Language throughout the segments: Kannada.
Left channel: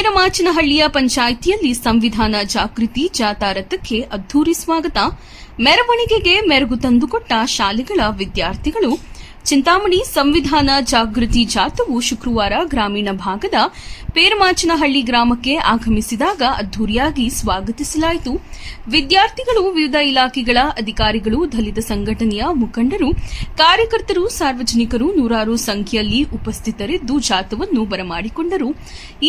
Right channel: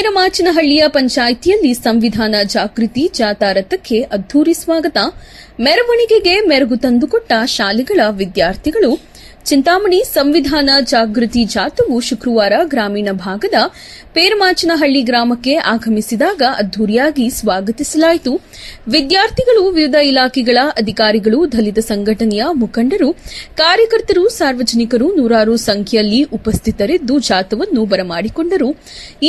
ಮೇರಮಾಚನಹಳ್ಳಿಯ ಪಂಚಾಯಿತಿಯಲ್ಲಿ ಸಂವಿಧಾನ ಜಾಗೃತಿ ಜಾಥಾ ರಥಕ್ಕೆ ಅದ್ದೂರಿ ಸ್ವಾಗತ. ಮೆರವಣಿಗೆಗೆ ಮೆರುಗು ತಂದುಕೊಟ್ಟ ಶಾಲೆಗಳ ವಿದ್ಯಾರ್ಥಿಗಳು. ಚಿಂತಾಮಣಿ ಸಂವಿಧಾನ ಜಾಗೃತಿ ಜಾಥಾವು ಶುಕ್ರವಾರ ಗ್ರಾಮೀಣ ಭಾಗದ ಪೇರಮಾಚನಹಳ್ಳಿ ಗ್ರಾಮಕ್ಕೆ ಆಗಮಿಸಿದಾಗ ಅದ್ದೂರಿಯಾಗಿ ಸ್ವಾಗತಿಸಲಾಯಿತು. ವಿದ್ಯಾರ್ಥಿಗಳು, ವಿವಿಧ ಇಲಾಖೆಗಳ ಅಧಿಕಾರಿಗಳು, ದಲಿತ ಸಂಘಟನೆಯ ಮುಖಂಡರು, ಕಾರ್ಯಕರ್ತರು, ಸಾರ್ವಜನಿಕರು ನೂರಾರು ಸಂಖ್ಯೆಯಲ್ಲಿ ಉಪಸ್ಥಿತರಿದ್ದು ಜಾಥಾವನ್ನು ಬರಮಾಡಿಕೊಂಡರು.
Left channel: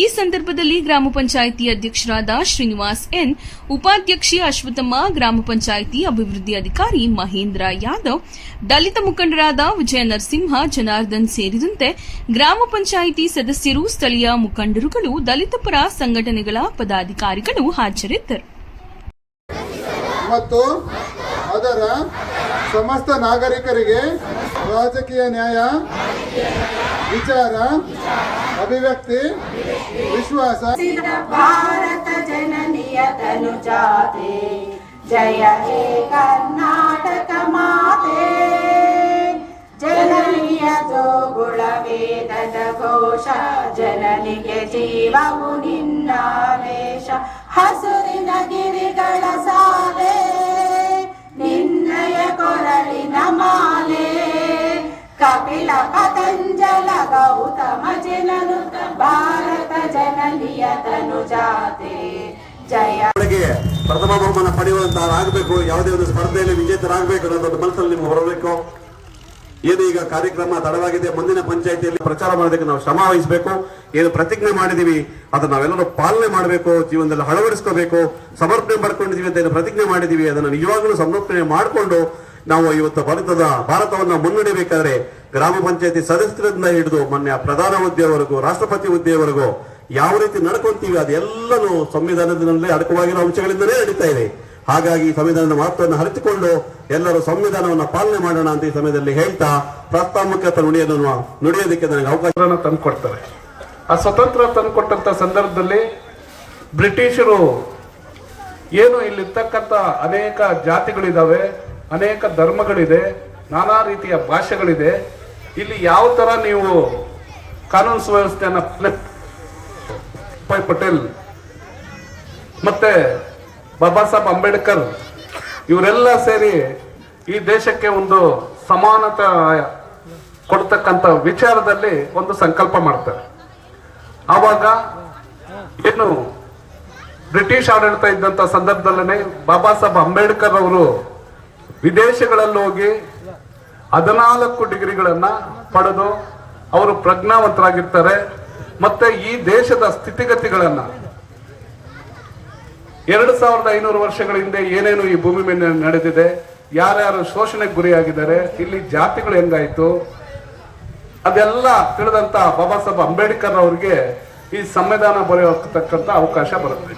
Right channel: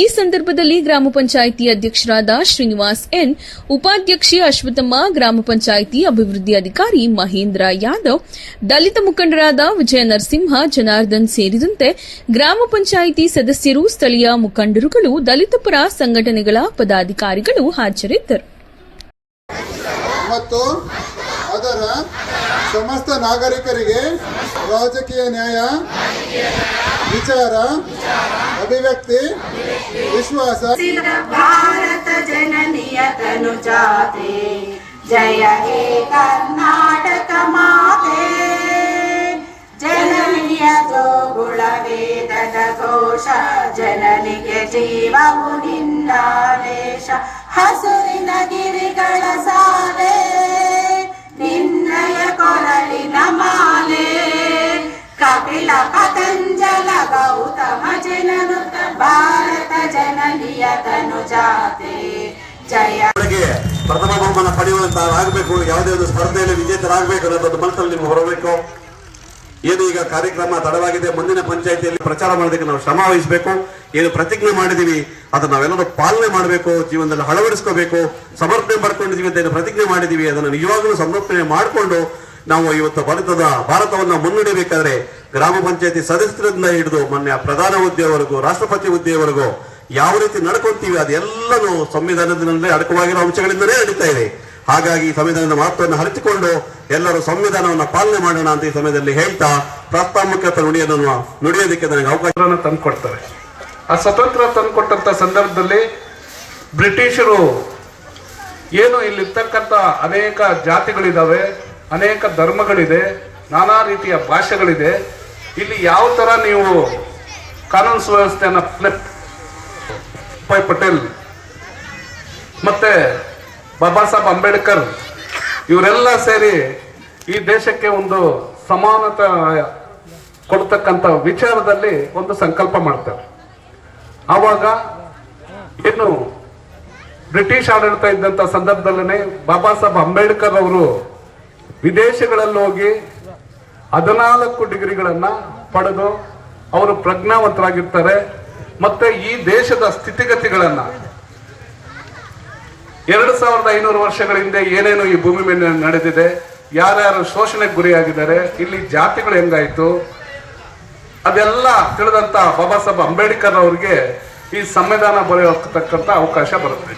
ಈ ಸಂದರ್ಭದಲ್ಲಿ ಗ್ರಾಮ ಪಂಚಾಯಿತಿ ಅಧ್ಯಕ್ಷರಾದ ಶ್ರೀನಿವಾಸ್ ಎನ್, ಉಪಾಧ್ಯಕ್ಷೆ ಅಶ್ವಥಮ್ಮ, ಗ್ರಾಮ ಪಂಚಾಯಿತಿ ಅಭಿವೃದ್ಧಿ ಅಧಿಕಾರಿ ಮಹೇಂದ್ರ ಯಾದವ್, ದಲಿತ ಮುಖಂಡರಾದ ವಿಜಯ ನರಸಿಂಹ, ಜನಾರ್ದನ್ ಸೇರಿದಂತೆ ಗ್ರಾಮ ಪಂಚಾಯಿತಿ ಸದಸ್ಯರು, ಸ್ಥಳೀಯ ಮುಖಂಡರುಗಳು, ದಲಿತ ಪರ ಸಂಘಟನೆಗಳ ಪದಾಧಿಕಾರಿಗಳು ಹಾಜರಿದ್ದರು. ಮತ್ತು ಅದರ ಸಮಸ್ತ ನಾಗರಿಕರಿಗೆ ರಾಜಕೀಯ ನ್ಯಾಯ, ವಿಚಾರ, ಅಭಿವ್ಯಕ್ತಿ, ವಿಶ್ವಾಸ. ಭಾರತ ಜನನಿಯ ತನು ಜಾತೆ, ಜಯ ಹೇ ಕರ್ನಾಟಕ ಮಾತೆ. ಜನನಿಯ ಜೋಗುಳ ವೇದದ ಘೋಷ, ಜನನಿಗೆ ಜೀವವು ನಿನ್ನಾವೇಶ. ಹಸುರಿನ ಗಿರಿಗಳ ಸಾಲೆ, ನಿನ್ನಯ ಕೊರಳಿನ ಮಾಲೆ. ಕಪಿಲ ಪತಂಜಲ ಗೌತಮ ಜನನುತ, ಭಾರತ ಜನನಿಯ ತನು ಜಾತೆ, ಜಯ. ಪ್ರಥಮ ಬಹುಮಾನ ಪಡೆಯುವಂತಾಗಬೇಕು, ಯಾವುದೇ ಒಂದು ಸ್ಪರ್ಧೆಯಲ್ಲಿ ವಿಜೇತರಾಗಬೇಕು ಅನ್ನೋದು ಮನಸ್ಸಲ್ಲಿ ನಿಮ್ಗೆ ಬರಬೇಕು. ಏನು ಈಗ ಕಾರ್ಯಕ್ರಮ ತಡವಾಗಿದೆ, ಮುಂದಿನ ಪಂಚಾಯಿತಿಯಲ್ಲಿ ಪ್ರಚಾರ ಮಾಡೋದಕ್ಕೆ ನಾವು ಶ್ರಮ ವಹಿಸಬೇಕು. ಏನು ಪ್ರತಿಜ್ಞೆ ಮಾಡಿದೀವಿ ಅದನ್ನು ನಾವೆಲ್ಲರೂ ಪಾಲನೆ ಮಾಡಬೇಕು, ಜೀವನದಲ್ಲಿ ಅಳವಡಿಸ್ಕೋಬೇಕು. ಸಮರ್ಪಣೆ ಪಡ್ಕೊಂಡಿದೀವಿ ಅಂತ ಏನು ಪ್ರತಿಜ್ಞೆ ಮಾಡಿದೀವಿ ಅದನ್ನು ನಿಜವಾಗ್ಲೂ ಸಂರಕ್ಷಣೆ ಮಾಡಿಕೊಂಡು ನಾವು ಇವತ್ತು ಭಾರತವನ್ನು ಮುನ್ನಡೆಯಬೇಕಾದ್ರೆ ಗ್ರಾಮ ಪಂಚಾಯತಿ ಸದಸ್ಯರಿಂದ ಹಿಡಿದು ಮೊನ್ನೆ ಪ್ರಧಾನ ಹುದ್ದೆವರೆಗೂ, ರಾಷ್ಟ್ರಪತಿ ಹುದ್ದೆವರೆಗೂ ಯಾವ ರೀತಿ ನಡ್ಕೊಂತೀವಿ ಅದೆಲ್ಲನೂ ಸಂವಿಧಾನದಲ್ಲಿ ಅಡಕವಾಗಿರೋ ಅಂಶಗಳಿಂದಲೇ ನಡೀತಾ ಇದೆ. ಹಾಗಾಗಿ ಸಂವಿಧಾನದ ಮಹತ್ವವನ್ನು ಅರಿತುಕೊಂಡು ಎಲ್ಲರೂ ಸಂವಿಧಾನವನ್ನು ಪಾಲನೆ ಮಾಡೋಣ ಅಂತ ಈ ಸಮಯದಲ್ಲಿ ಹೇಳ್ತಾ ಪ್ರಾಸ್ತಾವಿಕ ನುಡಿಯೋದಕ್ಕೆ ನನಗೆ ಅವಕಾಶ ತಂದುಕೊಡ್ತಾರೆ. ಆ ಸ್ವತಂತ್ರ ತಂದುಕೊಟ್ಟಂತ ಸಂದರ್ಭದಲ್ಲಿ ಬ್ರಿಟಿಷರು ಏನು ಇಲ್ಲಿರ್ತಕ್ಕಂಥ ಅನೇಕ ಜಾತಿಗಳಿದಾವೆ, ಅನೇಕ ಧರ್ಮಗಳಿದೆ, ನಾನಾ ರೀತಿಯ ಭಾಷೆಗಳಿದೆ. ಇಲ್ಲಿ ಯಾವ ತರ ನೀವು ಕಾನೂನು ಸುವ್ಯವಸ್ಥೆಯನ್ನ ಪಟೇಲ್ ಮತ್ತೆ ಬಾಬಾ ಸಾಹೇಬ್ ಅಂಬೇಡ್ಕರ್ ಇವರೆಲ್ಲ ಸೇರಿ ಈ ದೇಶಕ್ಕೆ ಒಂದು ಸಮಾನತೆ ಕೊಡ್ತಕ್ಕಂಥ ವಿಚಾರದಲ್ಲಿ ಒಂದು ಸಂಕಲ್ಪ ಮಾಡ್ತಾರೆ. ಆವಾಗ ಏನು ಬ್ರಿಟಿಷ್ ಆಡಳಿತ ಇದ್ದಂತ ಸಂದರ್ಭದಲ್ಲೇ ಬಾಬಾ ಸಾಹೇಬ್ ಅಂಬೇಡ್ಕರ್ ಅವರು ವಿದೇಶಗಳಲ್ಲಿ ಹೋಗಿ 14 ಡಿಗ್ರಿಗಳನ್ನ ಪಡೆದು ಅವರು ಪ್ರಜ್ಞಾವಂತರಾಗಿರ್ತಾರೆ. ಮತ್ತೆ ಈ ದೇಶದ ಸ್ಥಿತಿಗತಿಗಳನ್ನ 2500 ವರ್ಷಗಳ ಹಿಂದೆ ಏನೇನು ಈ ಭೂಮಿ ಮೇಲೆ ನಡೆದಿದೆ, ಯಾರ್ಯಾರು ಶೋಷಣೆಗೆ ಗುರಿಯಾಗಿದ್ದಾರೆ, ಇಲ್ಲಿ ಜಾತಿಗಳು ಹೆಂಗಾಯ್ತು ಅದೆಲ್ಲ ತಿಳಿದಂತ ಬಾಬಾ ಸಾಹೇಬ್ ಅಂಬೇಡ್ಕರ್ ಅವರಿಗೆ ಈ ಸಂವಿಧಾನ ಬರೆಯತಕ್ಕಂತ ಅವಕಾಶ ಬರುತ್ತೆ.